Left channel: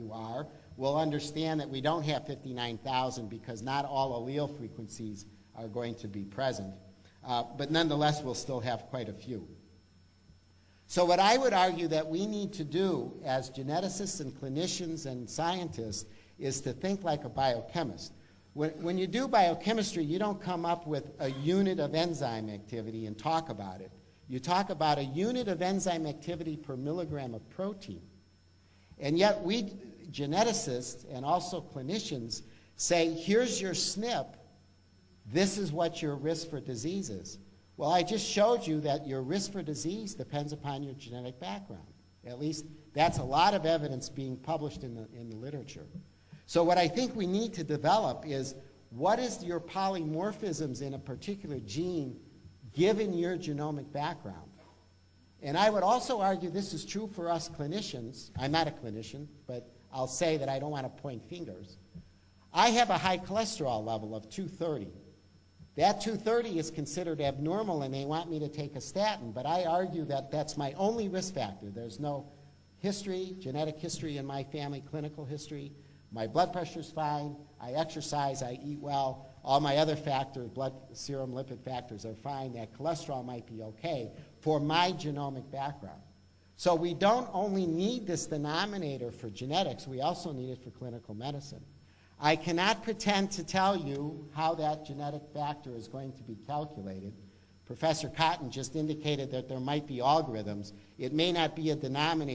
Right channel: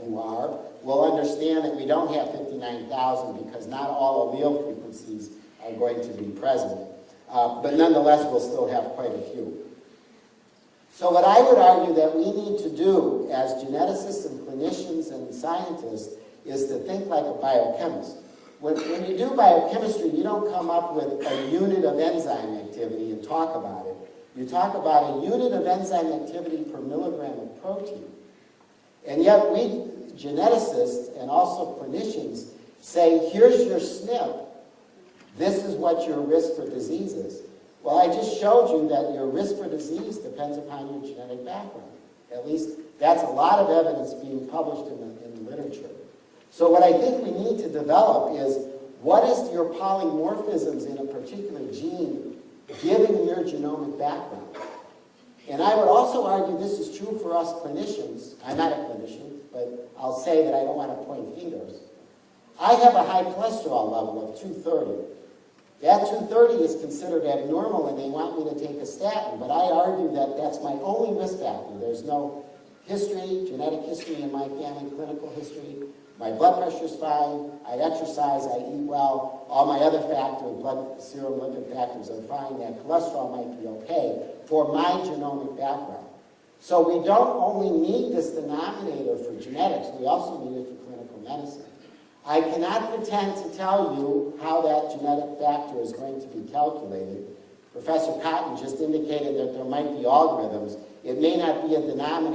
you are, will understand that we don't have 59,000 because not all allele frequencies are going to be present. But nonetheless, we'll still have quite a few. So what I would argue that we need to do as geneticists and clinicians and scientists is to think like a biochemist. When you do biochemistry, you don't come up with a unit of enzyme activity and talk about it. You talk about a unit of enzyme activity per milligram of protein. And yet we, geneticists and also clinicians, say, here's your SNP. This is what your risk for disease is. Well, I just showed you that your risk for disease depends upon your genetic background. At least that's a lot of evidence being published in the literature. So what I think we need to develop is what is your polymorphisms in a particular gene given your genomic background. And I would also argue this is true for us clinicians. I'm not a clinician, but I'll say that I don't want to point fingers. I have a high cholesterol level of 230. That 230 is considered abnormal and they want me to take a statin, but I argue that that's my only risk factor. There's no history, genetic history in my family, clinical history. My blood pressure is fine, I exercise, I eat well, all my other factors, blood, serum, lipid factors are fine, and cholesterol might be okay for my genomic background. So we don't only need this denominator for genetics, we also need it for clinical medicine. I cannot pretend to tell you how that genetic factor is going to be calculated. Professor Cotton just indicated that there might be algorithms. It may not be a denominator.